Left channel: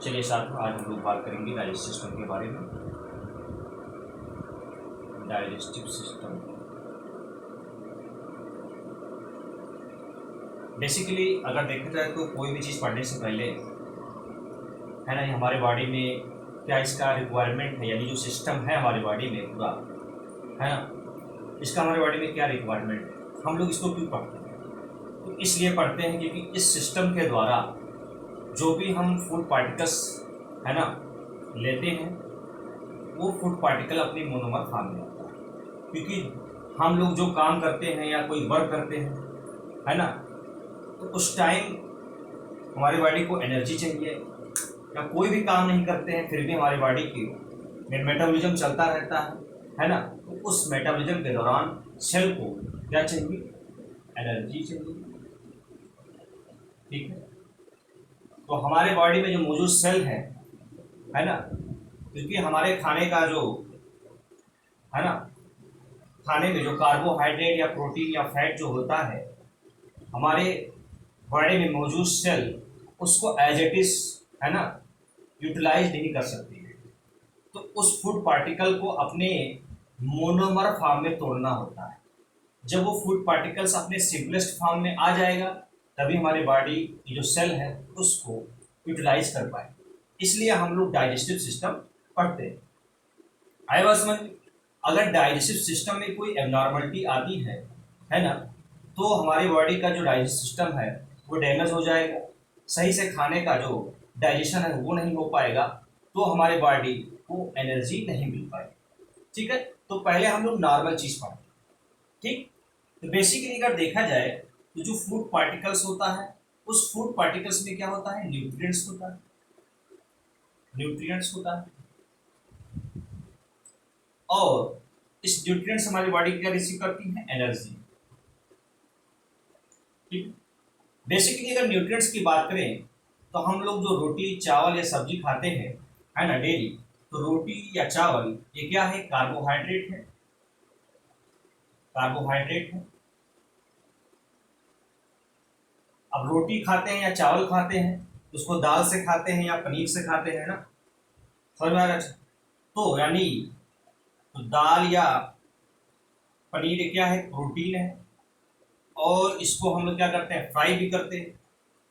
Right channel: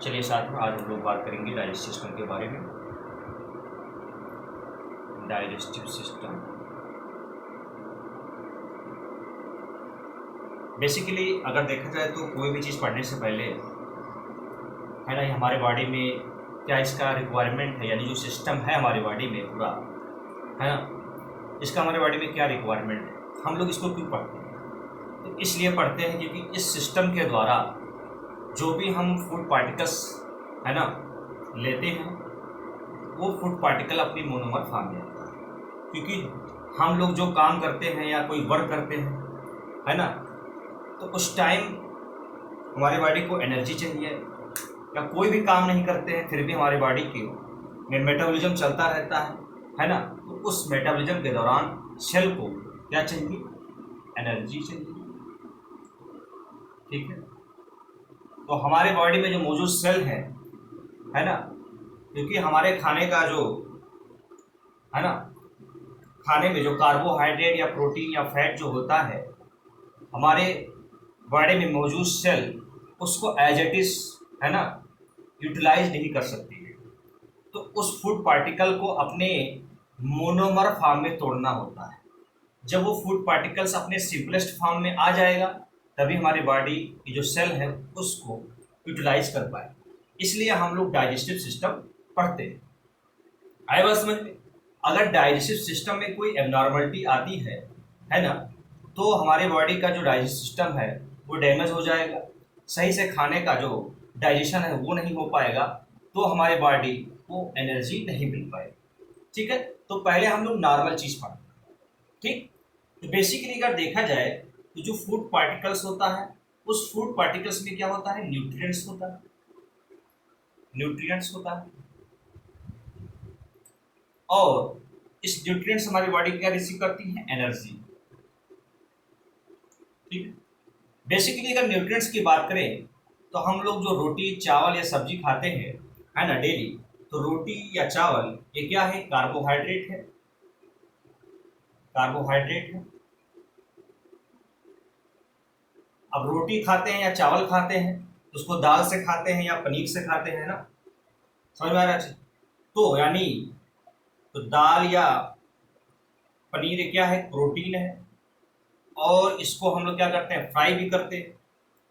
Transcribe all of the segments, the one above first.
चलिए साथ में आज हम लोग बात करेंगे डाइजेस्टिव सिस्टम के बारे में। डाइजेस्टिव सिस्टम बेसिकली अगर देखा जाए तो कोई भी चीज़ पढ़ने से पहले है ना, ये हमारे बॉडी में क्या इसका रिक्वायरमेंट है, यानी जो सिस्टम है हमारी बॉडी में पूरा है ना, इसका हमारे बॉडी में क्या रिक्वायरमेंट है, हम लोग इसको क्यों पढ़ते हैं। तो इसलिए पढ़ते हैं क्योंकि इस सिस्टम के द्वारा जो भी हम फूड पार्टिकल्स है ना लेते हैं, वो फूड पार्टिकल अपनी मोनोमर फॉर्म में आता है। क्योंकि हम लोग जो काम करते हैं या कोई वर्क करते हैं है ना, तो उस टाइम हमारी बॉडी को एनर्जी चाहिए, या कोई भी काम नहीं करते हैं फिर भी हमारी बॉडी की मेटाबॉलिज्म चलता रहता है ना। तो उस मेटाबॉलिज्म के दौरान सेल को क्या चाहिए, एनर्जी चाहिए। ठीक है, तो हमारे बॉडी में जो मौजूद सेल है ना, क्योंकि हमारे खाने का जो है ना, खाने में जो कार्बोहाइड्रेट या प्रोटीन या फैट जो होता है, हमारे बॉडी में मौजूद सेल उसको एज इट इज है ना यूटिलाइज नहीं कर सकती है। तो उस फूड पार्टिकल को अपने मोनोमर फॉर्म में तोड़ना होता है। जब वो फूड पार्टिकल्स अपने सिंपलेस्ट फॉर्म में आ जाएगा, तभी हमारी बॉडी की जो सेल है उसको यूटिलाइज कर पाए। इसलिए हम लोग डाइजेस्टिव सिस्टम पढ़ते हैं। आए बात समझ में? अगर डाइजेस्टिव सिस्टम में कोई एबनॉर्मलिटी आती है ना, तो हमारे बॉडी का जो डाइजेस्टिव सिस्टम है वो डैमेज हो जाएगा, सही से खाने का जो डाइजेशन है वो नहीं हो पाएगा, तो हमारे बॉडी को एनर्जी नहीं मिल पाएगी। ठीक है, तो पहले हम लोग नॉर्मल चीज़ पढ़ते हैं। ठीक, तो बेसिकली अगर देखा जाए तो जो फूड पार्टिकल्स होता है, उस फूड पार्टिकल्स में क्या होता है, न्यूट्रिएंट्स होता है। न्यूट्रिएंट्स होता है और इस न्यूट्रिएंट्स हमारी बॉडी क्या रिसीव करती है, एनर्जी। ठीक है, बेसिकली अगर न्यूट्रिएंट्स की बात करें तो हम लोग जो रोटी चावल या सब्जी खाते हैं है ना डेली, तो रोटी या चावल ये क्या है, कार्बोहाइड्रेट है। कार्बोहाइड्रेट है। अब रोटी खाते हैं या चावल खाते हैं तो उसको दाल से खाते हैं या पनीर से खाते हैं ना, समझ में आ रहा है? तो यानी तो दाल या पनीर क्या है, प्रोटीन है, और इसको हम लोग क्या करते हैं, फ्राई भी करते हैं।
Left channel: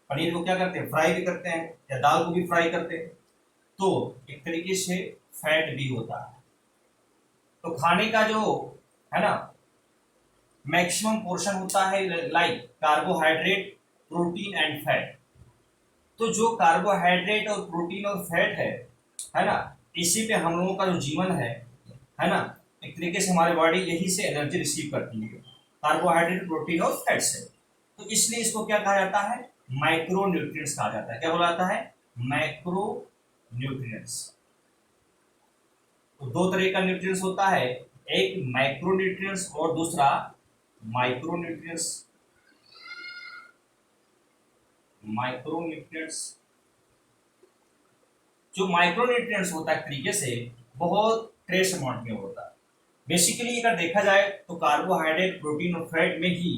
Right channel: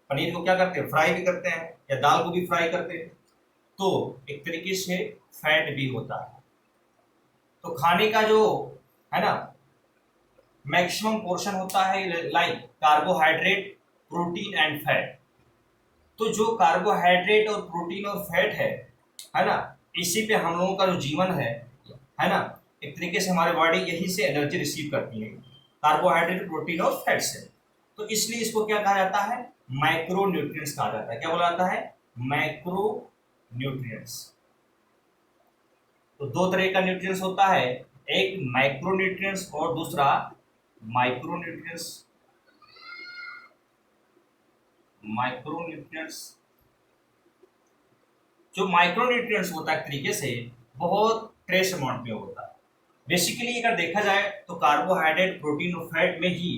पनीर को क्या करते हैं, फ्राई भी करते हैं, या दाल को भी फ्राई करते हैं। तो एक तरीके से फैट भी होता है। तो खाने का जो है ना मैक्सिमम पोर्शन होता है like carbohydrate, protein and fat. तो जो कार्बोहाइड्रेट और प्रोटीन और फैट है ना, इसी पे हम लोगों का जो जीवन है ना, एक तरीके से हमारी बॉडी यही से एनर्जी रिसीव करती है, कार्बोहाइड्रेट, प्रोटीन और फैट से। तो इसलिए इसको क्या कहा जाता है, माइक्रो न्यूट्रिएंट्स कहा जाता है। क्या बोला जाता है, माइक्रो न्यूट्रिएंट्स। तो दो तरह का न्यूट्रिएंट्स होता है, एक माइक्रो न्यूट्रिएंट्स और दूसरा माइक्रो न्यूट्रिएंट्स। माइक्रो न्यूट्रिएंट्स, जो माइक्रो न्यूट्रिएंट्स होता है एक तरीके से बहुत ट्रेस अमाउंट में होता है। बेसिकली अगर देखा जाए तो कार्बोहाइड्रेट, प्रोटीन और फैट में ही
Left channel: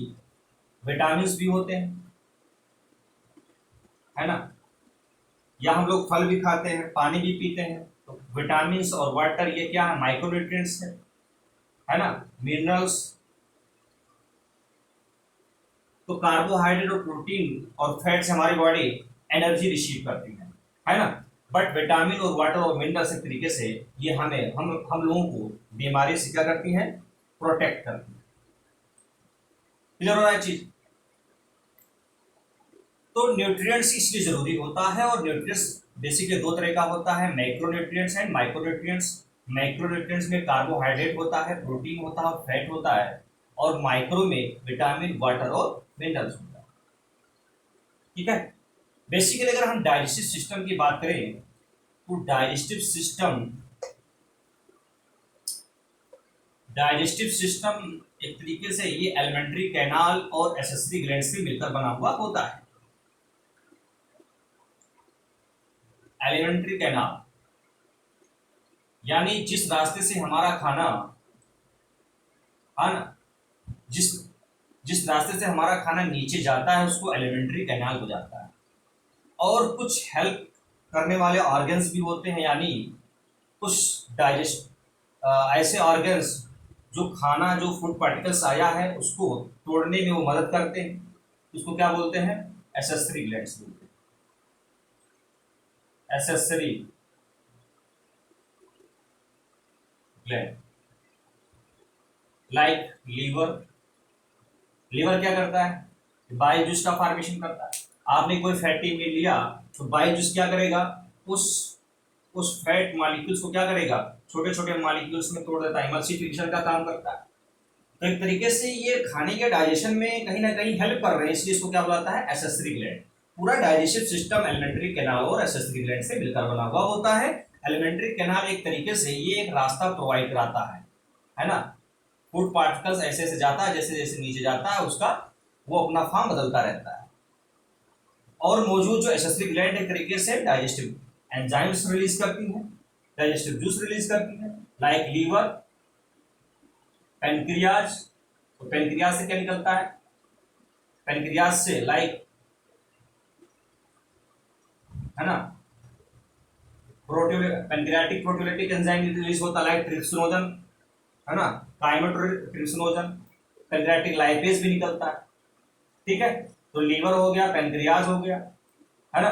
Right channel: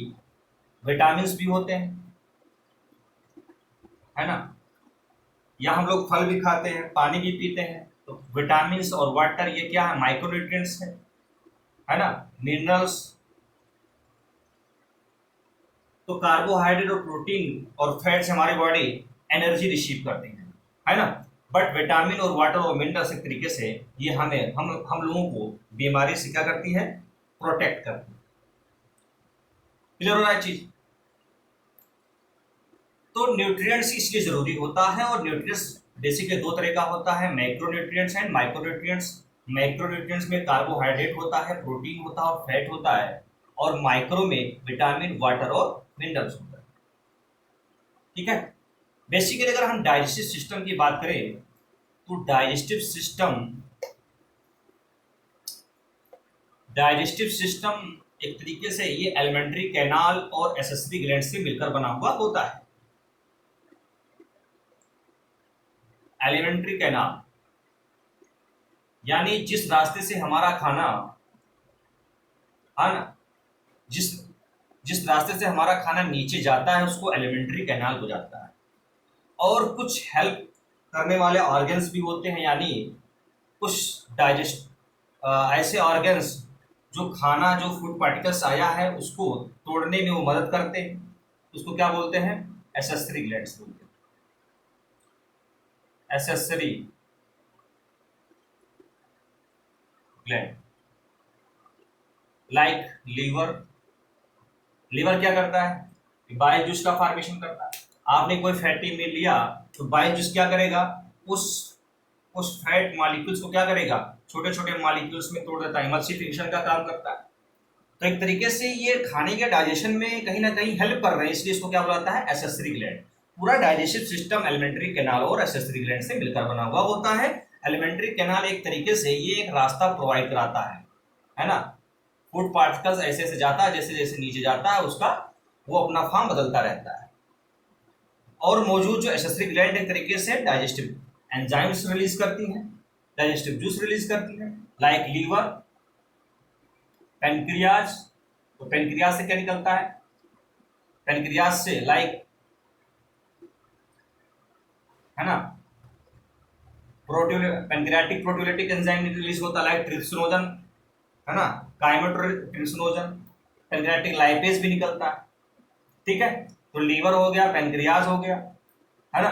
विटामिन भी होते हैं है ना, या हम लोग फल भी खाते हैं, पानी भी पीते हैं। तो विटामिन और वाटर ये क्या है, माइक्रो न्यूट्रिएंट्स है ना, मिनरल्स। तो कार्बोहाइड्रेट और प्रोटीन और फैट से हमारी बॉडी एनर्जी रिसीव करती है ना। बट विटामिन और वाटर और मिनरल्स एक तरीके से ये हमें हम लोगों को बीमारी से क्या करती है, प्रोटेक्ट करती है। क्लियर हो रहा है चीज? तो न्यूट्रिएंट्स इसलिए जरूरी होता है, और न्यूट्रिएंट्स बेसिकली दो तरह का होता है, macro nutrients and micro nutrients. Macro nutrients में कार्बोहाइड्रेट होता है, प्रोटीन होता है और फैट होता है, और माइक्रो में विटामिन, वाटर और मिनरल्स होता है। ठीक है, बेसिकली अगर हम डाइजेस्टिव सिस्टम की बात करें तो डाइजेस्टिव सिस्टम एक तरीके से ये एलिमेंट्री कैनाल और एसेसरी ग्लैंड से मिलकर बना हुआ होता है। एलिमेंट्री कैनाल यानी जिस रास्ते से हमारा खाना है ना, जिस रास्ते से हमारा खाना नीचे जाता है उसको एलिमेंट्री कैनाल हो जाता है। और कुछ हेल्प करने वाले ऑर्गन्स भी होते हैं, यानी कुछ डाइजेस्ट ऐसे ऑर्गन्स जो खाना जो फूड पार्टिकल्स आया है उसको तोड़ने में वो मदद करते हैं, उसको क्या बोलते हैं? एसेसरी ग्लैंड्स बोलते हैं, accessory gland. Like liver, liver क्या करता है? बाइल जूस का फॉर्मेशन करता है। आपने कोई फैटी मील लिया तो बाइल जूस क्या करेगा? उस उस फैट मॉलिक्यूल्स को क्या करेगा? छोटे छोटे मॉलिक्यूल्स में तोड़ देता है, इमल्सिफिकेशन का काम करता है। तो एक तरीके से ये खाने के डाइजेशन में कहीं ना कहीं हेल्प कर रहे हैं, इसलिए इसको क्या बुलाता है? Accessory gland. पूरा डाइजेस्टिव सिस्टम एलिमेंट्री कैनाल और एसेसरी ग्लैंड से मिलकर बना हुआ होता है। एलिमेंट्री कैनाल एक तरीके से ये एक रास्ता प्रोवाइड कराता है ना? फूड पार्टिकल्स ऐसे ऐसे जाता है, जैसे जैसे नीचे जाता है उसका वो अपना फॉर्म बदलता रहता है। और मौजूद जो एसेसरी ग्लैंड एक तरीके से डाइजेस्टिव एंजाइम्स रिलीज करती हैं, डाइजेस्टिव जूस रिलीज करती हैं, लाइक लीवर, पेनक्रियाज। तो पेनक्रियाज से क्या निकलता है? पेनक्रियाज से लाइक, है ना, पेनक्रियाटिक प्रोटियोलिटिक एंजाइम रिलीज होता है, लाइक ट्रिप्सिनोजन, है ना, काइमोट्रिप्सिनोजन। पेनक्रियाटिक लाइपेज भी निकलता है। ठीक है, तो लीवर हो गया, पेनक्रियाज हो गया, है ना।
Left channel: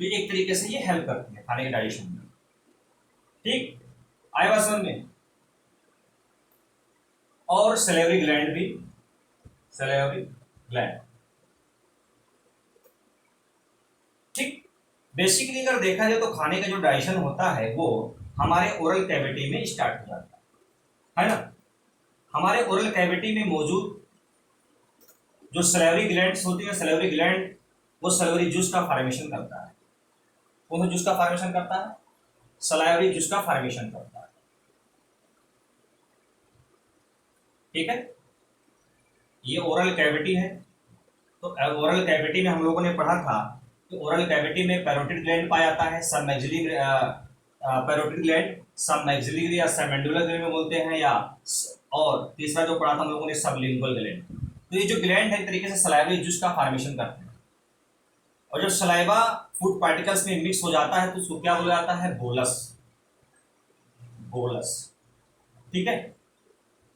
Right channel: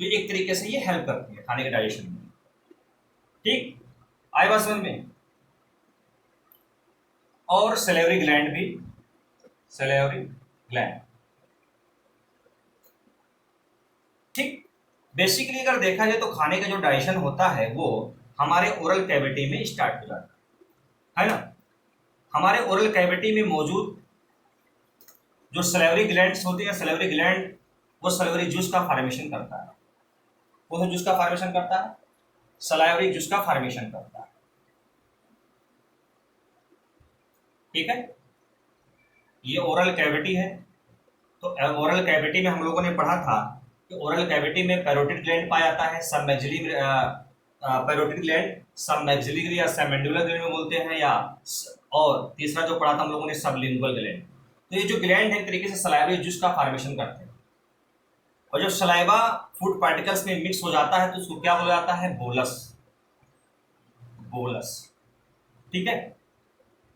तो एक तरीके से ये हेल्प करती है खाने के डाइजेशन में। ठीक, आए बात समझ में? और सलेवरी ग्लैंड भी, सलेवरी ग्लैंड। ठीक, बेसिकली अगर देखा जाए तो खाने का जो डाइजेशन होता है वो हमारे ओरल कैविटी में स्टार्ट हो जाता है ना। हमारे ओरल कैविटी में मौजूद जो सलेवरी ग्लैंड्स होती है, सलेवरी ग्लैंड वो सलेवरी जूस का फॉर्मेशन करता है। वो जूस का फॉर्मेशन करता है, सलाइवरी जूस का फॉर्मेशन करता है। ठीक है, ये ओरल कैविटी है। तो ओरल कैविटी में हम लोगों ने पढ़ा था कि ओरल कैविटी में पैरोटिड ग्लैंड पाया जाता है, सब मैक्सिलरी पैरोटिड ग्लैंड सब मैक्सिलरी या सबमेंडुलर ग्लैंड में बोलते हैं, या और तीसरा जो पढ़ा था हम लोगों ने सबलिंगुअल ग्लैंड। तो ये जो ग्लैंड है एक तरीके से सलाइवरी जूस का फॉर्मेशन करते हैं। और जब सलाइवा फूड पार्टिकल्स में मिक्स हो जाता है तो उसको क्या बोला जाता है? Bolus, bolus. ठीक है,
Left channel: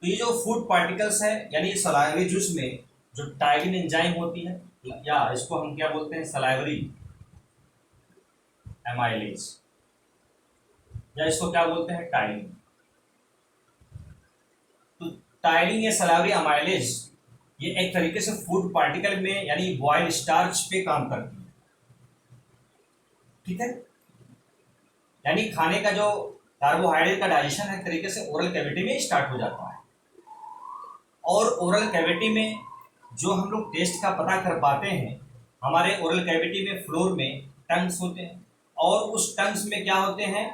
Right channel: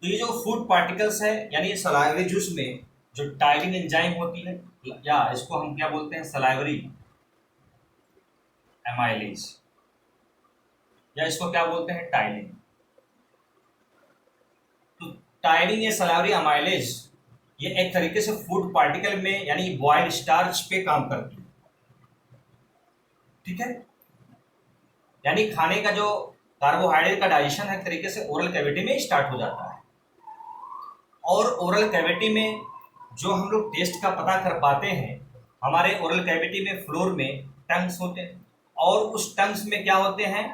तो ये जो फूड पार्टिकल्स है यानी सलाइवरी जूस में जो टाइलिन एंजाइम होती है, या इसको हम क्या बोलते हैं? सलाइवरी एमाइलेज, या इसको क्या बोलते हैं? टाइलिन। तो टाइलिन या सलाइवरी एमाइलेज ये एक तरीके से फूड पार्टिकल में यानी बॉइल्ड स्टार्च पे काम करती है। ठीक है, यानी खाने का जो कार्बोहाइड्रेट का डाइजेशन है एक तरीके से ओरल कैविटी में स्टार्ट हो जाता है। और ओरल कैविटी में जो हम लोग टेस्ट का पता कर पाते हैं, हमारे ओरल कैविटी में फ्लोर में टंग्स होते हैं, और उस टंग्स में क्या होते हैं?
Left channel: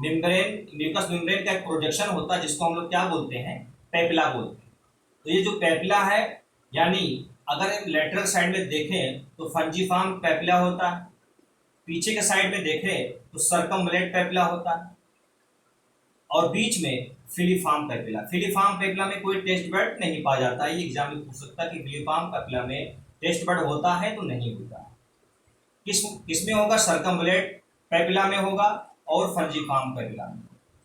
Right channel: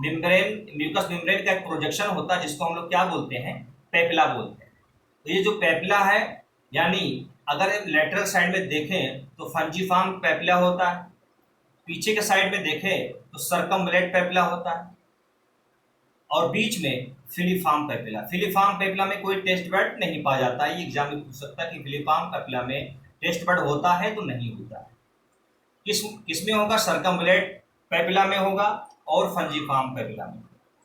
मेम्ब्रेन, म्यूकस मेम्ब्रेन का एक प्रोजेक्शन होता है जिसको हम लोग क्या बोलते हैं? पेपिला बोलते हैं। तो ये जो पेपिला है, यानी अगर लेटरल साइड में देखें तो फंजीफार्म पेपिला होता है, पीछे के साइड में देखें तो सर्कमब्लेट पेपिला होता है, और बीच में फिलीफार्म पेपिला। फिलीफार्म पेपिला में कोई टेस्ट बड नहीं पाया जाता है, ये एग्जाम में पूछ सकता है कि फिलीफार्म पेपिला में टेस्ट बड होता है तो नहीं होता है। किसमें होगा? सर्कमब्लेट पेपिला में होगा और फंजीफार्म पेपिला में,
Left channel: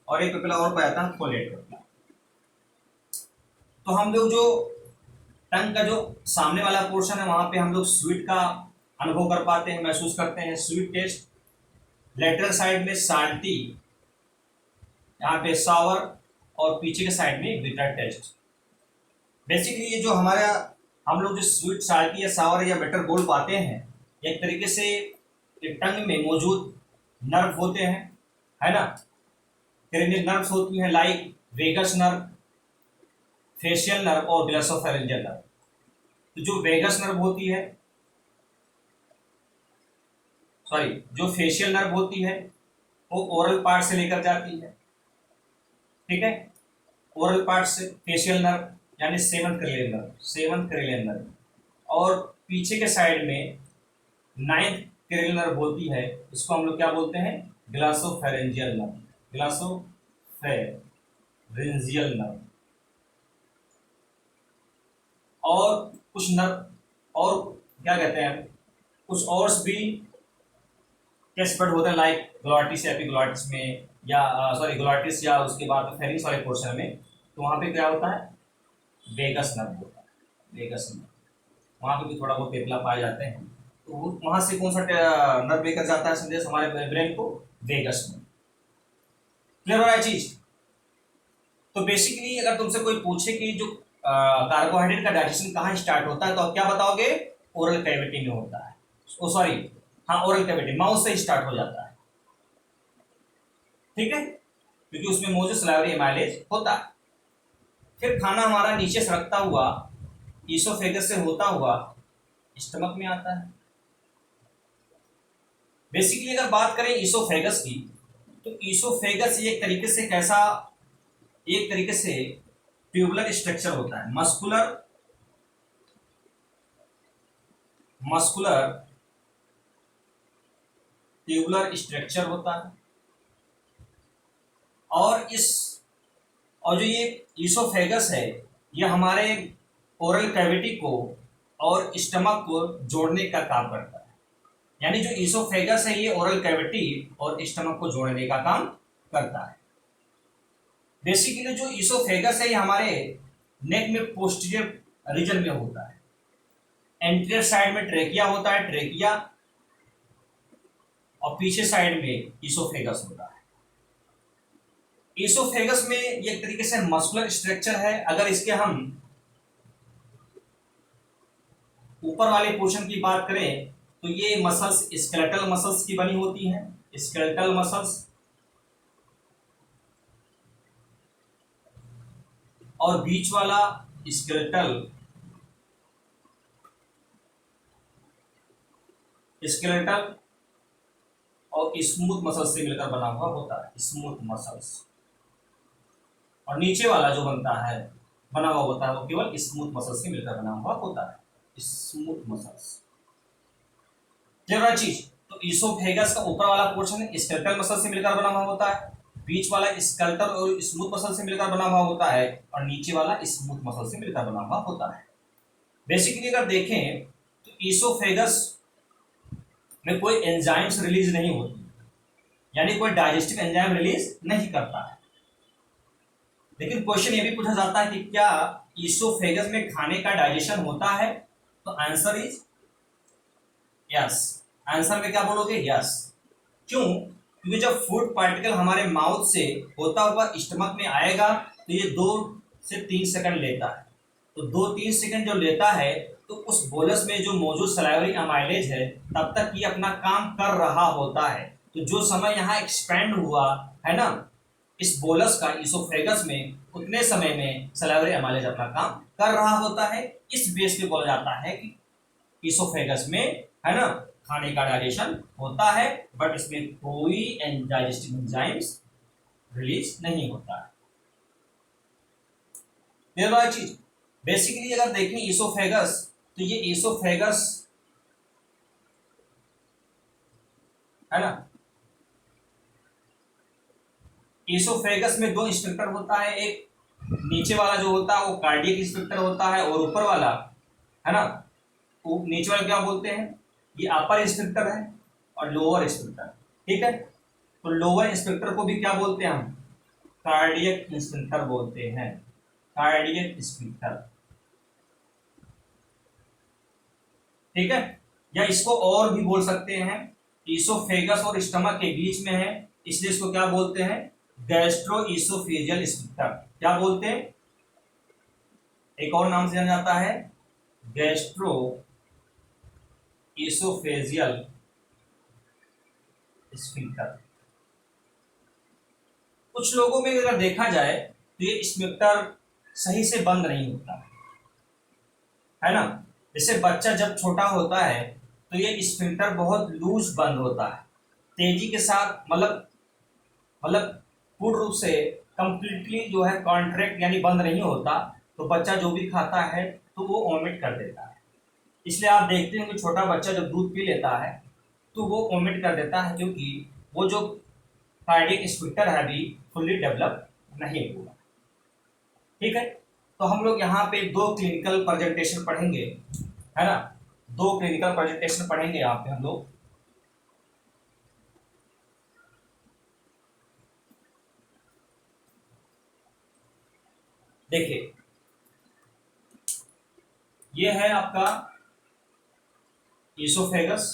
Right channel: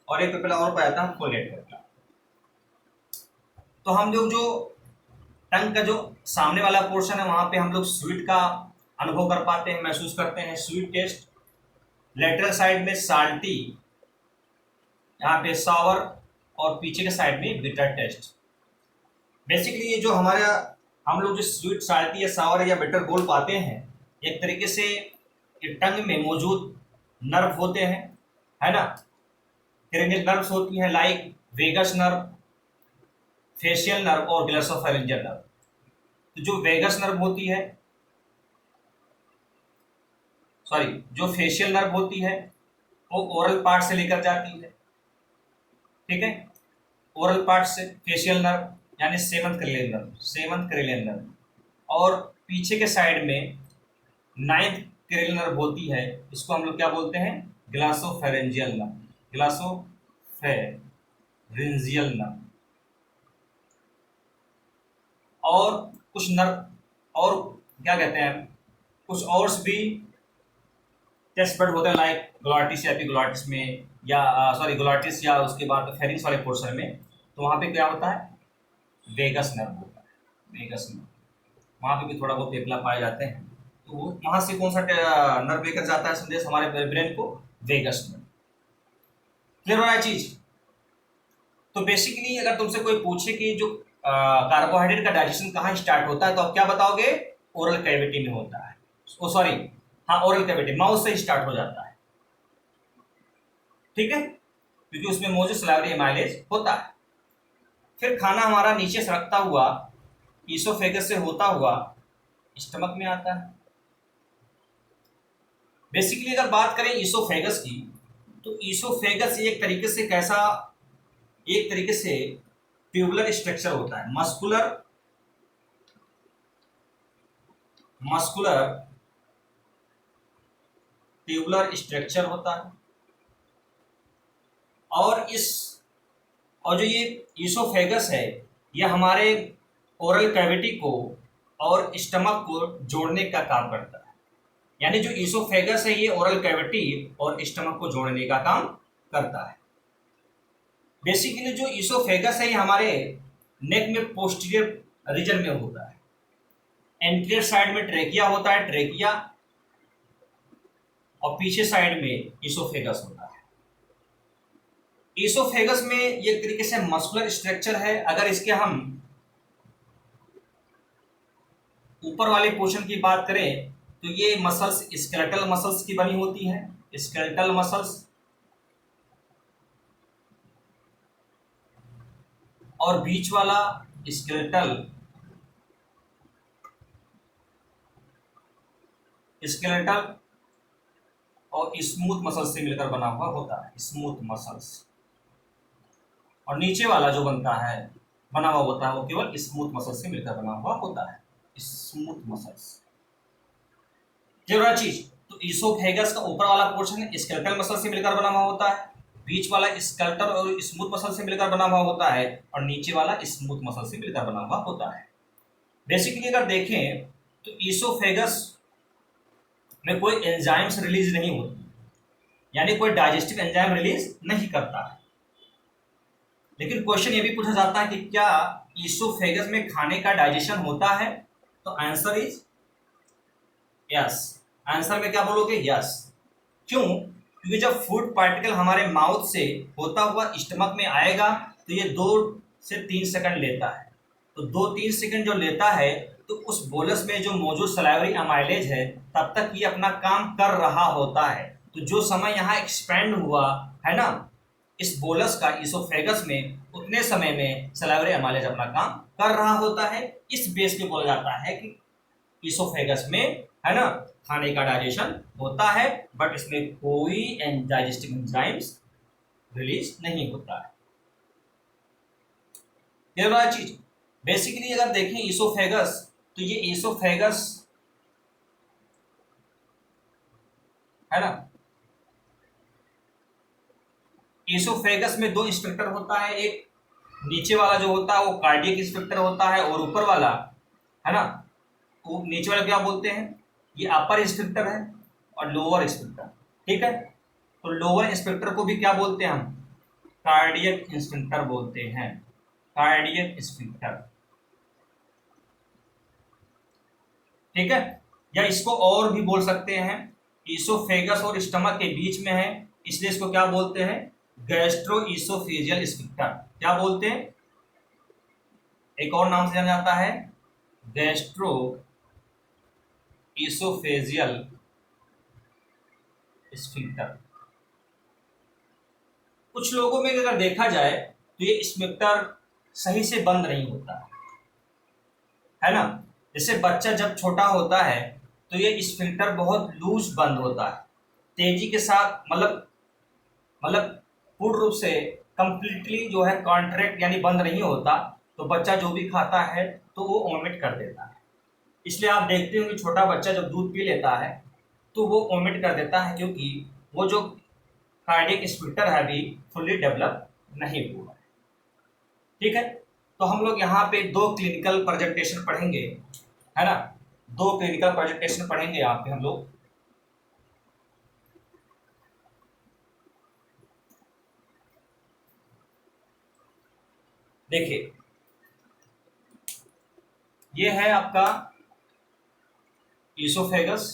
और एक पेपिला और पाया जाता है फोलेट पेपिला। तो हम लोग जो टंग का जो सामने वाला पोर्शन है वहां पे हम लोग स्वीट का अनुभव कर पाते हैं, महसूस करते हैं, स्वीट टेस्ट। लेटरल साइड में साल्टी, यहाँ पे सावर, और पीछे के साइड में बिटर टेस्ट। बेसिकली ये जो हमारा हम लोग जो स्वीट, साल्टी या सावर या बिटर बोल पाते हैं, एक तरीके से ये टंग में मौजूद नर्व होते हैं, है ना। क्रेनियल नर्व्स होती हैं, like vagus nerve, facial nerve और ग्लॉसोफेरेंजियल नर्व। तो जो वेगस नर्व होती है, सॉरी, जो फेशियल नर्व होती है वो ओरल पार्ट से लेकर जाती है। ठीक है, ओरल पार्ट से फेशियल नर्व यानी seventh cranial nerve, seventh cranial nerve, और पीछे के साइड में नाइन्थ क्रेनियल नर्व होती है, इसको हम लोग क्या बोलते हैं? Glossopharyngeal nerve, glossopharyngeal nerve. और कुछ नर्व और क्या कहते हैं, कुछ और भी टेस्ट बड होते हैं लाइक ग्लॉटिस या एपिग्लॉटिस में, या सॉरी ग्लॉटिस या उसके बाद फेरिंग्स वाले पोर्शन में, तो वहाँ पे क्या होता है, वेगस नर्व होता है, वेगस नर्व, वहाँ पे भी थोड़ा बहुत फेफड़ा पाए जाते हैं, तो वहाँ से कौन सा नर्व लेकर जाता है संदेश हमारे ब्रेन को, वेगस नर्व। क्लियर हो रहा है चीज। तो बेसिकली अगर तुमसे कोई पूछे कि जो कार्बोहाइड्रेट का डाइजेशन कहाँ स्टार्ट होता है, तो आप क्या बताओगे, ओरल कैविटी में होता है, ओ सॉरी, हाँ ओरल कैविटी, माउथ से स्टार्ट हो जाता है, ठीक है, क्योंकि उसमें मौजूद सलाइवरी एमाइलेज होता है। फिर खाना हमारा नीचे सरकता हुआ ईसोफेगस से होता हुआ स्टमक में आता है। बेसिकली अगर बात करें ईसोफेगस की, तो ईसोफेगस एक तरीके से कैसा, एक तरीके से ट्यूबुलर स्ट्रक्चर होता है, मस्कुलर मस्कुलर ट्यूबुलर स्ट्रक्चर होता है। और जो ये ईसोफेगस है, ये हमारे ओरल कैविटी को और स्टमक को जोड़ने का काम करता है। यानी जो ईसोफेगस है ये ओरल कैविटी और स्टमक को जोड़ने का काम करता है। बेसिकली जो ईसोफेगस है ये हमारे नेक में पोस्टीरियर रीजन में होता है। एंटीरियर साइड में ट्रेकिया होता है, ट्रेकिया, और पीछे साइड में ईसोफेगस होता है। ईसोफेगस में ये एक तरीके से मस्कुलर स्ट्रक्चर है। अगर इसके हम ऊपर वाले पोर्शन की बात करें तो ये मसल्स स्केलेटल मसल्स की बनी होती हैं, स्केलेटल मसल्स, और बीच वाला स्केलेटल स्केलेटल और स्मूथ मसल्स से मिलकर बना हुआ होता है, स्मूथ मसल्स। और नीचे वाला जो बनता है, बना हुआ होता है, वो केवल स्मूथ मसल्स से मिलकर बना हुआ होता है, स्मूथ मसल्स। क्लियर चीज। तो ईसोफेगस का ऊपर वाला पोर्शन स्केलेटल मसल से मिलकर बना हुआ होता है, बीच वाला स्केलेटल और स्मूथ मसल से मिलकर बना हुआ होता है, और नीचे वाला स्मूथ मसल से मिलकर बना हुआ होता है। बेसिकली अगर देखें तो ईसोफेगस में कोई एंजाइम्स रिलीज नहीं होती, यानी कोई डाइजेस्टिव एंजाइम रिलीज नहीं करता है। लेकिन क्वेश्चन ये भी पूछा जाता है कि क्या ईसोफेगस में खाने का डाइजेशन होता है, तो आंसर इज यस। आंसर में क्या बोलोगे, यस। क्यों? क्योंकि जब फूड पार्टिकल हमारे माउथ से होता हुआ स्टमक में आएगा तो ये 2 से 3 सेकंड लेता है। तो 2-3 सेकंड जो लेता है, तो उस बोलस में जो मौजूद सलाइवरी अमाइलेज है तब तक ये अपना काम कर रहा होता है। तो जो समय यहाँ एक्सपेंड हुआ है ना इस बोलस का ईसोफेगस में, उतने समय में सलाइवरी अमाइलेज अपना काम कर रहा होता है। इस बेस पे बोला जाता है कि ईसोफेगस में, है ना, खाने का डाइजेशन होता है, बट इसमें कोई डाइजेस्टिव एंजाइम्स रिलीज नहीं होता है। ये वाला चीज। बेसिकली अगर देखें ईसोफेगस, तो ये ईसोफेगस है ना, ईसोफेगस में 2 स्फिंक्टर होता है, एक नीचे वाला जो होता है वो कार्डियक स्फिंक्टर होता है, और ऊपर वाला, है ना, वो नीचे वाला क्या बोलते हैं, ये अपर स्फिंक्टर है और लोअर स्फिंक्टर, ठीक है। तो लोअर स्फिंक्टर को भी क्या बोलते हैं हम, कार्डियक स्फिंक्टर बोलते हैं, कार्डियक स्फिंक्टर, ठीक है। या इसको और भी बोल सकते हैं, ईसोफेगस और स्टमक के बीच में है, इसलिए इसको क्या बोलते हैं, गैस्ट्रो ईसोफेजियल स्फिंक्टर। क्या बोलते हैं, एक और नाम से जाना जाता है गैस्ट्रो ईसोफेजियल स्फिंक्टर। कुछ लोगों में अगर देखा जाए तो ये स्फिंक्टर सही से बंद नहीं होता है ना। जैसे बच्चा जब छोटा होता है तो ये स्फिंक्टर बहुत लूज बंद होता है, तेजी के साथ, मतलब पूर्ण रूप से कंप्लीटली जो है कॉन्ट्रैक्ट यानी बंद नहीं होता। तो बच्चा जो भी खाता है तो वो वोमिट कर देता है। इसलिए आप देखते हो कि छोटा बच्चा जब दूध पी लेता है तो वो वोमिट कर देता है, क्योंकि वो जो कार्डियक स्फिंक्टर है अभी फुल्ली डेवलप नहीं हुआ है, ठीक है। तो हम लोग यहाँ पे 2 क्लिनिकल प्रेजेंटेशन पढ़ेंगे, है ना, 2 क्लिनिकल प्रेजेंटेशन पढ़ेंगे यहाँ पे हम लोग। देखिए ये है आपका ईसोफेगस,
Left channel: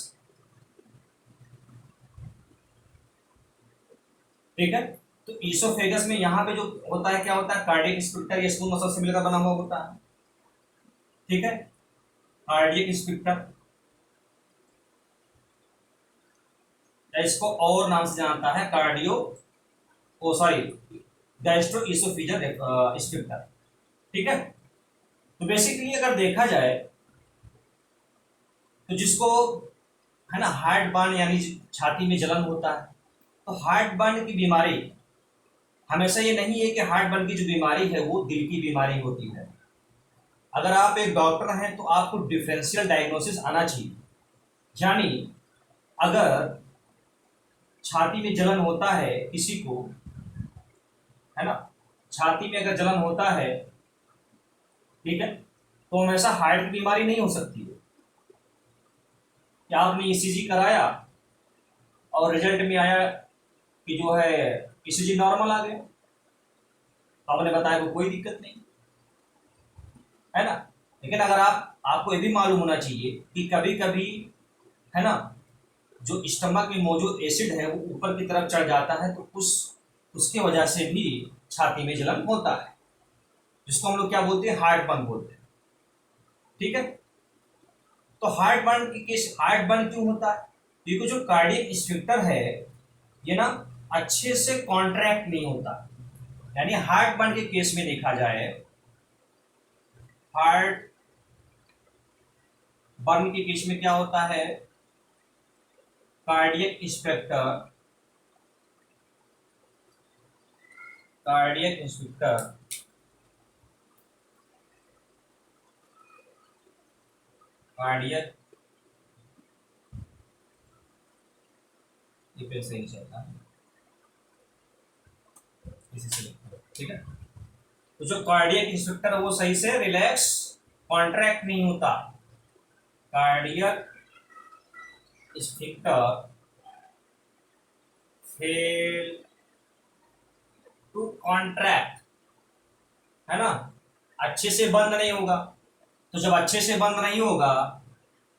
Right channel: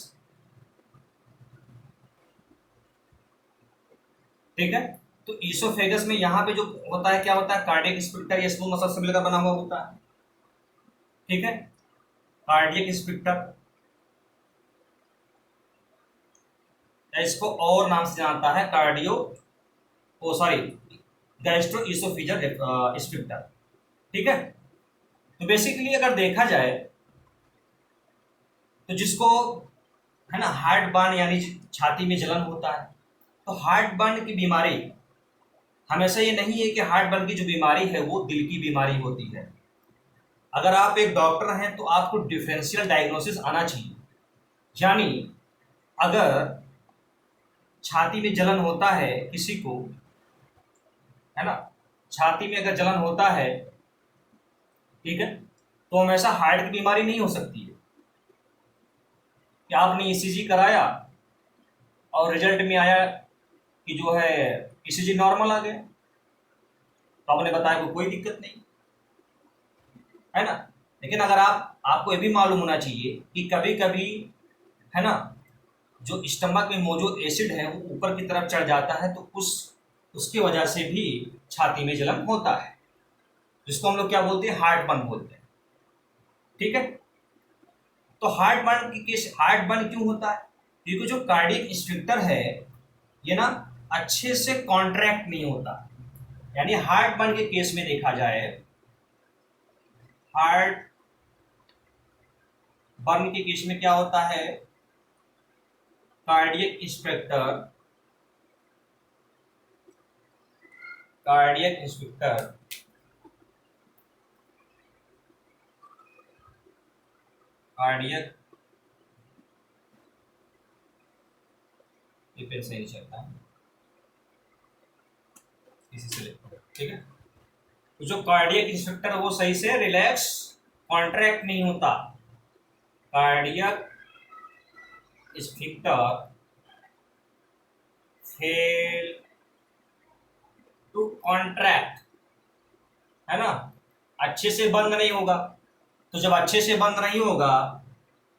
ठीक है। तो ईसोफेगस में यहाँ पे जो होता है क्या होता है, कार्डियक स्फिंक्टर, ये स्मूथ मसल से मिलकर बना हुआ होता है, ठीक है। कार्डियक स्फिंक्टर, इसको और नाम से जानता है कार्डियो, ओ सॉरी, गैस्ट्रो ईसोफेजल स्फिंक्टर, ठीक है। तो बेसिकली अगर देखा जाए तो जिसको है ना हार्ट बर्न यानी छाती में जलन होता है, तो हार्ट बर्न की बीमारी हमेशा ये नहीं है कि हार्ट बर्न की जो बीमारी है वो दिल की बीमारी होती है। अगर आप एक डॉक्टर हैं तो आपको डिफरेंशियल डायग्नोसिस आना चाहिए, यानी अगर छाती में जलन होता है किसी को, है ना, छाती में अगर जलन होता है, ठीक है, तो हमेशा हार्ट की बीमारी नहीं हो सकती है कि आपने ईसीजी कराया और रिजल्ट में आया कि जो है ईसीजी नॉर्मल आ गया, तो आपने बताया कोई दिक्कत नहीं, है ना। लेकिन अगर आपको ये भी मालूम होना चाहिए कि कभी कभी, है ना, जो स्टमक में मौजूद एसिड है वो ऊपर की तरफ चढ़ जाता है, तो उसकी वजह से भी छाती में जलन होता है, जिसको हम लोग क्या बोलते हैं, हार्ट बर्न बोलते हैं, ठीक है। तो हार्ट बर्न की केस, हार्ट बर्न क्यों होता है, क्योंकि जो कार्डियक स्फिंक्टर है ये ना अच्छे से कॉन्ट्रैक्ट नहीं होता। यानी हार्ट बर्न के केस में देखा जाए, हार्ट बर्न के केस में क्या होता है, cardiac sphincter, cardiac sphincter cardiac, ये पेन सही चलता है, इसी से लेते हैं, ठीक है। तो जो कार्डियक स्फिंक्टर है वो सही से रिलैक्स, कॉन्ट्रैक्ट नहीं होता। Cardiac sphincter fail to contract, है ना, अच्छे से बंद नहीं होगा। तो जब अच्छे से बंद नहीं होगा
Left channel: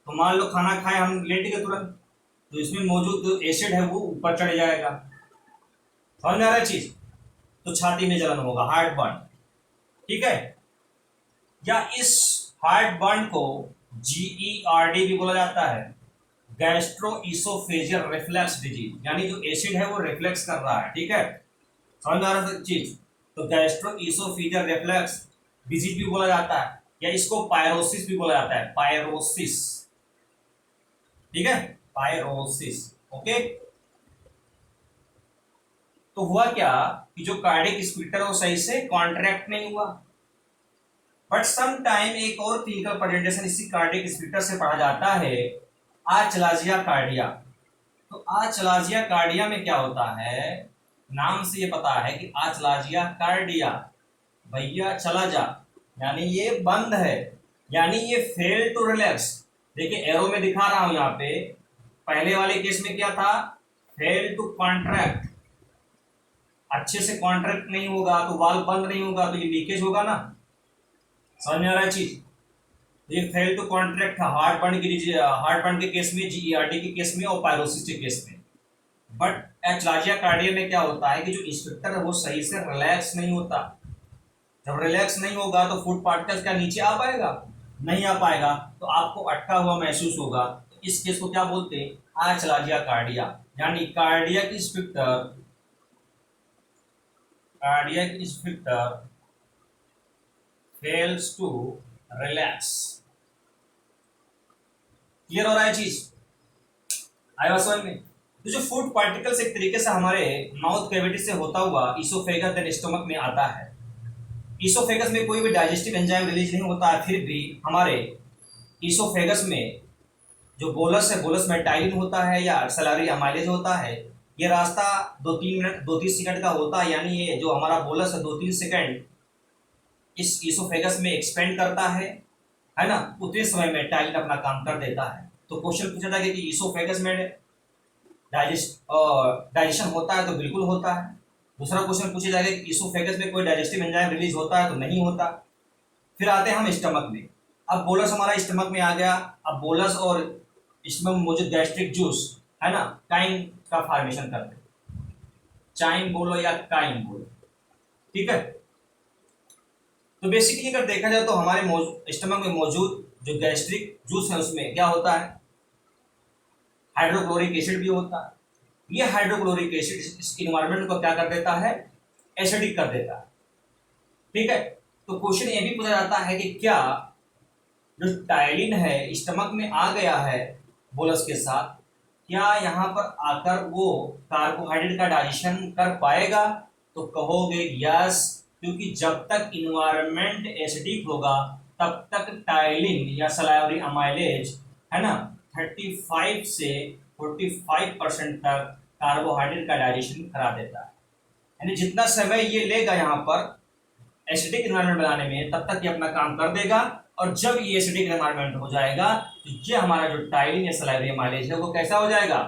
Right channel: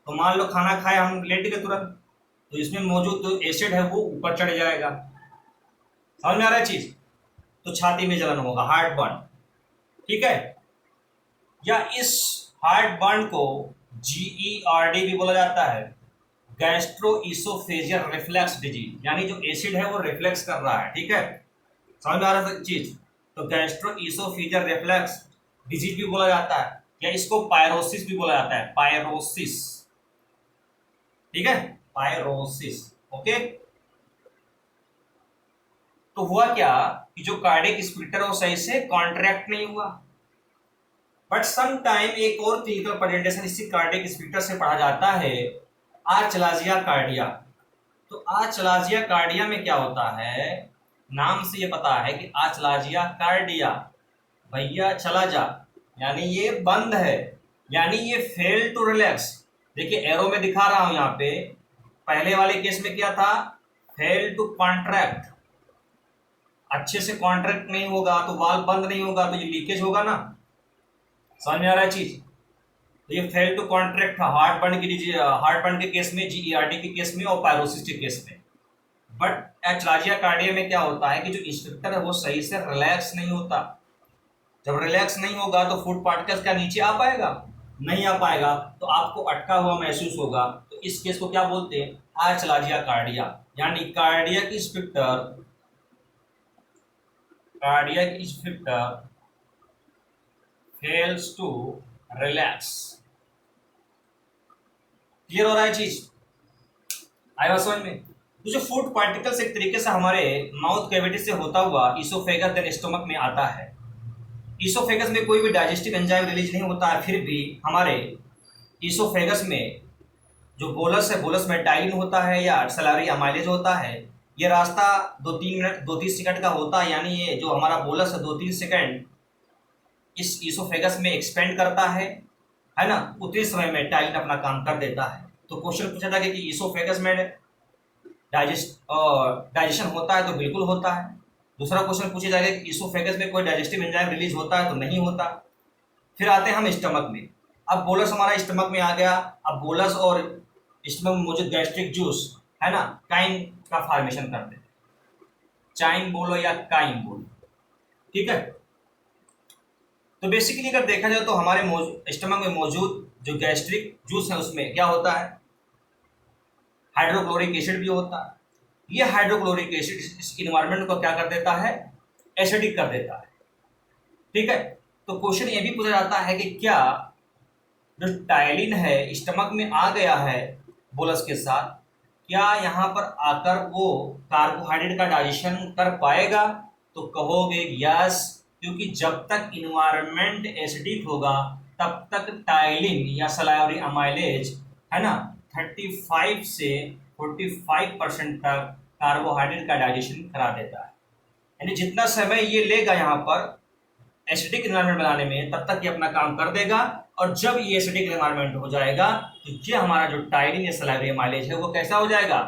तो मान लो खाना खाए हम लेट गए तुरंत, तो इसमें मौजूद जो एसिड है वो ऊपर चढ़ जाएगा, समझ में आ रहा है चीज, तो छाती में जलन होगा, हार्ट बर्न, ठीक है। या इस हार्ट बर्न को GERD भी बोला जाता है, गैस्ट्रो इसोफेजियल रिफ्लेक्स डिजीज, यानी जो एसिड है वो रिफ्लेक्स कर रहा है, ठीक है, समझ में आ रहा है चीज। तो गैस्ट्रो इसोफेजियल रिफ्लेक्स डिजीज भी बोला जाता है, या इसको पायरोसिस भी बोला जाता है, पायरोसिस, ठीक है, पायरोसिस, ओके। तो हुआ क्या कि जो कार्डियक स्फिंक्टर वो सही से कॉन्ट्रैक्ट नहीं हुआ, बट सम टाइम एक और क्लिनिकल प्रेजेंटेशन इसी कार्डियक स्फिंक्टर से पढ़ा जाता है, आचलाजिया कार्डिया। तो आचलाजिया कार्डिया में क्या होता है, नाम से ये पता है कि आचलाजिया कार्डिया, भैया चला जा, यानी ये बंद है, यानी ये फेल टू रिलैक्स। देखिए एरो में दिखा रहा हूं यहाँ पे, पहले वाले केस में क्या था, फेल टू कॉन्ट्रैक्ट, अच्छे से कॉन्ट्रैक्ट नहीं होगा तो वाल्व बंद नहीं होगा तो ये लीकेज होगा ना, समझ में आ रहा है चीज। तो ये फेल टू कॉन्ट्रैक्ट था हार्ट बर्न के केस में, GERD के केस में और पायरोसिस के केस में। बट एचलाजिया कार्डिया में क्या होता है कि जो स्फिंक्टर है वो सही से रिलैक्स नहीं होता, जब रिलैक्स नहीं होगा तो फूड पार्टिकल्स का नीचे आ पाएगा, नहीं आ पाएगा, तो आपको अटका हुआ महसूस होगा, तो इस केस को क्या बोलते हैं, आचलाजिया कार्डिया, यानी cardiac sphincter, cardiac sphincter fails to relax. Clear हो रहा है चीज, आया समझ में। तो जो फूड पार्टिकल्स एक तरीके से हमारे माउथ कैविटी से होता हुआ ईसोफेगस देन स्टोमक में आता है, ईसोफेगस में कोई भी डाइजेस्टिव एंजाइम रिलीज नहीं होता है, फिर भी हमारे ईसोफेगस में जो बोलस है, बोलस मेटाइलिन होता है या सैलरी अमाइलेज होता है, ये रास्ता 2-3 सेकंड का होता है, यानी ये जो हमारा बोलस है 2-3 सेकंड इस ईसोफेगस में एक्सपेंड करता है ना, उतने समय में टाइलिन अपना काम कर देता है। तो क्वेश्चन पूछा था कि ईसोफेगस में डाइजेशन होता है, तो बिल्कुल होता है, दूसरा क्वेश्चन पूछा जाएगा कि इसोफेगस में कोई डाइजेस्टिव एंजाइम रिलीज होता है तो नहीं होता। फिर आते हैं हम स्टमक में। अब बोलस हमारा स्टमक में आ गया। अब बोलस और स्टमक में मौजूद गैस्ट्रिक जूस है ना काइन का फॉर्मेशन करते हैं, चाइन बोलो या काइन बोलो, ठीक है। तो बेसिकली अगर देखा जाए तो हमारे स्टमक में मौजूद जो गैस्ट्रिक जूस है उसमें क्या होता है, हाइड्रोक्लोरिक एसिड भी होता है। ये हाइड्रोक्लोरिक एसिड इस इन्वायरमेंट को क्या कर देता है, एसिडिक कर देता है, ठीक है। तो क्वेश्चन ये भी पूछा जाता है कि क्या जो टाइलिन है स्टमक में आ गया है बोलस के साथ, क्या यहाँ पर आकर वो कार्बोहाइड्रेट का डाइजेशन कर पाएगा, तो कहोगे यस, क्योंकि जब तक इन्वायरमेंट एसिडिक होगा तब तक टाइलिन या सलाइवरी अमाइलेज है ना 35 से 45% तक कार्बोहाइड्रेट का डाइजेशन करा देता है। यानी जितना समय ये लेगा यहाँ पर एसिडिक एनवायरनमेंट बनाने में तब तक ये अपना काम कर देगा, और जब ये एसिडिक एनवायरनमेंट हो जाएगा तो ये हमारा जो टाइलिन या सलाइवरी अमाइलेज है वो कैसा हो जाएगा,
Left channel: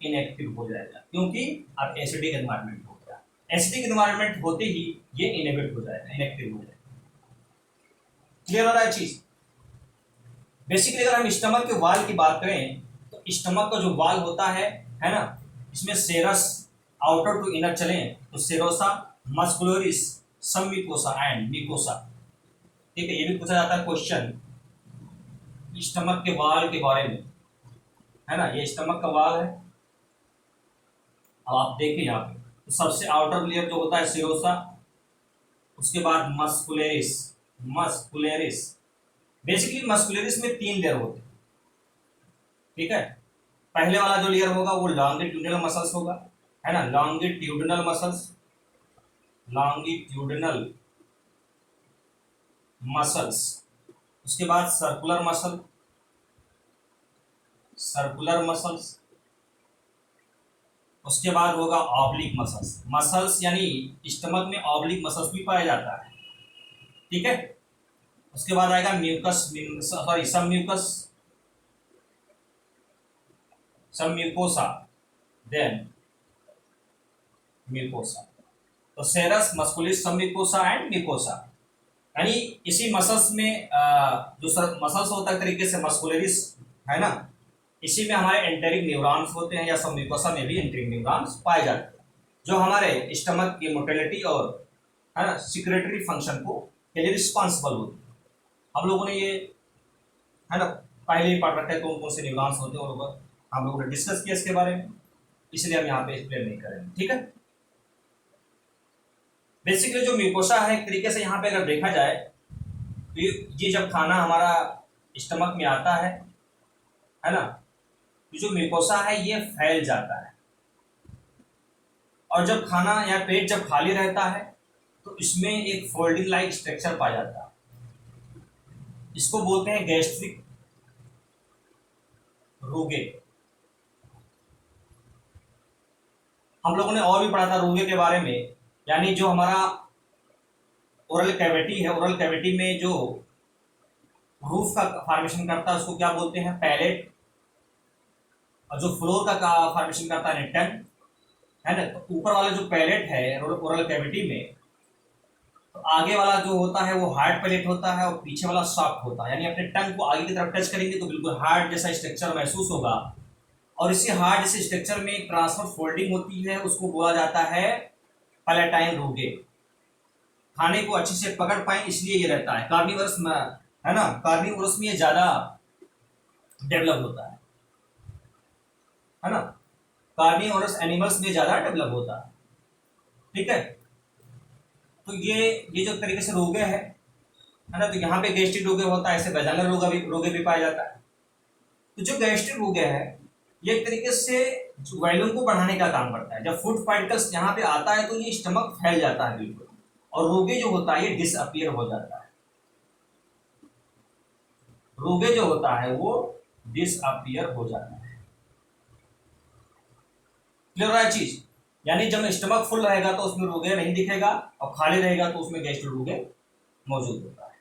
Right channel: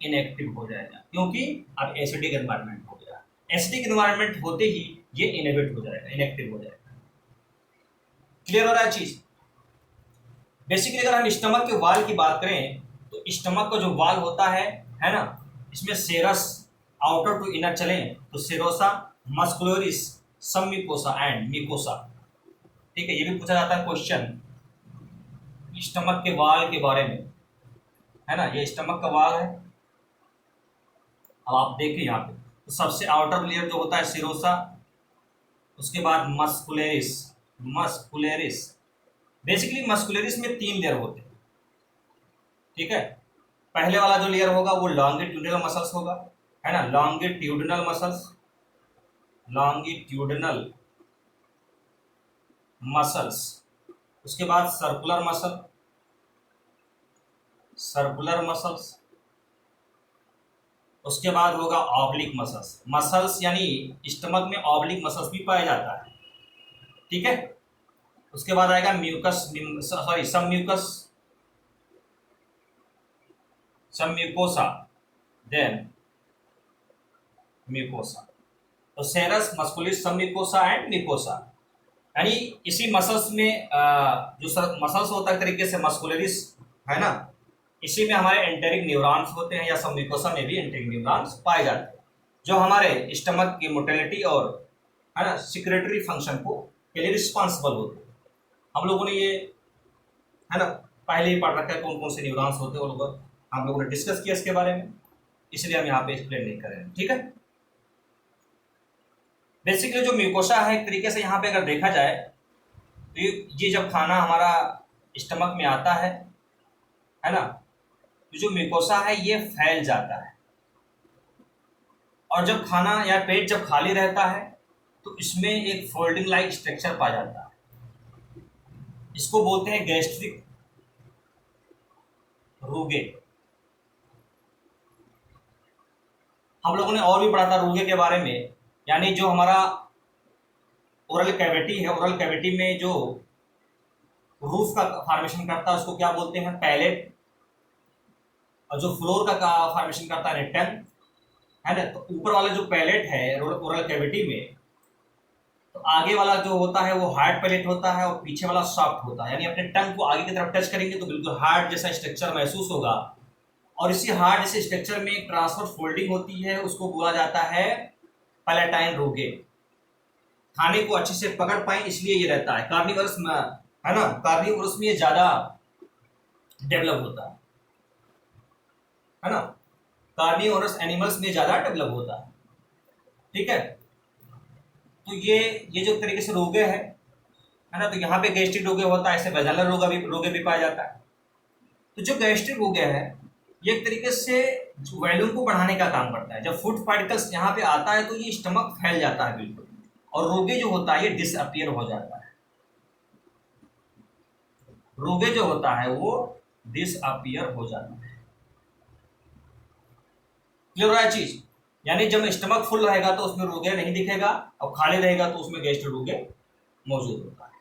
इनएक्टिव हो जाएगा, क्योंकि अब एसिडिक एनवायरनमेंट हो गया। एसिडिक एनवायरनमेंट होते ही ये इनहिबिट हो जाएगा, इनएक्टिव हो जाएगा। क्लियर हो रहा है चीज। बेसिकली अगर हम स्टमक के वाल की बात करें तो स्टमक का जो वाल होता है ना, इसमें सेरस आउटर टू इनर चलें तो सेरोसा, मस्कुलरिस, सब मिकोसा एंड मिकोसा, ठीक है। ये भी पूछा जाता है क्वेश्चन स्टमक के वाल के बारे में, है ना। ये स्टमक का वाल है। अब आप देखिए यहाँ पे तो सबसे आउटर लेयर जो होता है सिरोसा, उसके बाद मस्कुलरिस, मस्कुलरिस। बेसिकली मस्कुलरिस में 3 लेयर होते हैं, ठीक है। पहले वाला जो लेयर होगा वो लॉन्गिट्यूडिनल मसल्स होगा, है ना, लॉन्गिट्यूडिनल मसल्स, लॉन्गिट्यूडिनल मसल्स। उसके बाद सर्कुलर मसल, सर्कुलर मसल्स। उसके बाद होगा ऑब्लिक मसल्स, मसल्स यानी स्टमक में ऑब्लिक मसल्स भी पाया जाता है, ठीक है। उसके बाद आएगा म्यूकस, सॉरी सब म्यूकस, सब म्यूकोसा, देन म्यूकोसा। तो सेरस, मस्कुलिस, सब म्यूकोसा एंड म्यूकोसा। यानी इसी मसल्स में जो मसल्स होता है तरीके से मस्कुलरिस, है ना, इसी में हमारे एंटेरिक न्यूरॉन्स होते हैं, या सब म्यूकोसा में भी एंटेरिक न्यूरॉन्स पाए जाते हैं, जो हमारे स्टमक की मोटिलिटी और है ना सिक्रेटरी फंक्शन को के लिए रिस्पॉन्सिबल होते हैं। हम लोगों ने ये है ना पहले ही पढ़ रखा है कौन कौन से न्यूरॉन्स होते हैं, वो लोग हम लोगों ने डिस्कस किया इसके बारे में, इसलिए हम यहाँ पे एक्सप्लेन नहीं करेंगे, ठीक है। बेसिकली जो म्यूकोसा है एक तरीके से यहाँ पे अगर देखा जाए तो ये जब खाना हमारा स्टमक में आता है ना, तो जो म्यूकोसा है ये फैल जाता है, और जब खाना या पेट जब खाली रहता है तो इसमें एक फोल्डिंग लाइक स्ट्रक्चर पाया जाता है, इसको बोलते हैं गैस्ट्रिक रूगे। हम लोगों ने और भी पढ़ा था रूगे के बारे में, यानी जो हमारा ओरल कैविटी है, ओरल कैविटी में जो रूफ का फॉर्मेशन करता है उसको क्या बोलते हैं, पैलेट, और जो फ्लोर का फॉर्मेशन करता है टंग, है ना। तो ऊपर वाला जो पैलेट है ओरल कैविटी में, तो आगे वाला जो होता है वो हार्ड पैलेट होता है और पीछे वाला सॉफ्ट होता है, यानी अपने टंग को आगे की तरफ टच करेंगे तो बिल्कुल हार्ड जैसा स्ट्रक्चर महसूस होगा, और इसी हार्ड जैसे स्ट्रक्चर में एक ट्रांसफर फोल्डिंग होती है, उसको बोला जाता है पैलेटाइन रूगे। खाने को अच्छे से पकड़ पाए इसलिए ये रहता है। कार्निवरस में, है ना, कार्निवरस में ये ज्यादा डेवलप होता है ना, कार्निवरस एनिमल्स में ज्यादा डेवलप होता है, ठीक है। तो ये जो तरीके से रोगे है ना, तो यहाँ पे गैस्ट्रिक रोगे होता है, ऐसे वैजाइनल रोगे भी पाया जाता है। तो जो गैस्ट्रिक रोगे है ये एक तरीके से वॉल्यूम को बढ़ाने का काम करता है। जब फूड पार्टिकल्स यहाँ पे आता है तो ये स्टमक फैल जाता है बिल्कुल, और रोगे जो होता है ये डिसअपियर हो जाता है, रोगे जो होता है वो डिसअपियर हो जाता है। क्लियर हो रहा है चीज। यानी जब स्टमक फुल रहेगा तो उसमें रोगे नहीं दिखेगा, और खाली रहेगा तो उसमें गैस्ट्रिक रोगे मौजूद होता है,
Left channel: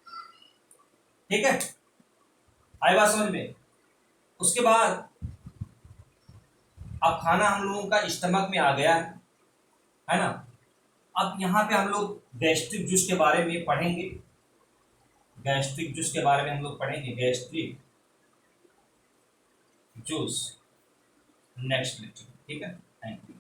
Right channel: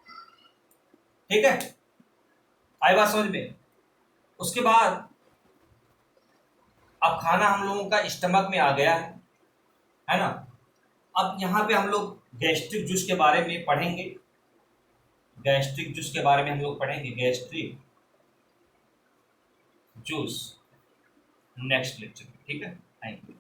ठीक है। आई बात समझ में। उसके बाद अब खाना हम लोगों का स्टमक में आ गया है ना, अब यहाँ पे हम लोग गैस्ट्रिक जूस के बारे में पढ़ेंगे, गैस्ट्रिक जूस के बारे में हम लोग पढ़ेंगे, गैस्ट्रिक जूस नेक्स्ट लेक्चर में। ठीक है, थैंक यू।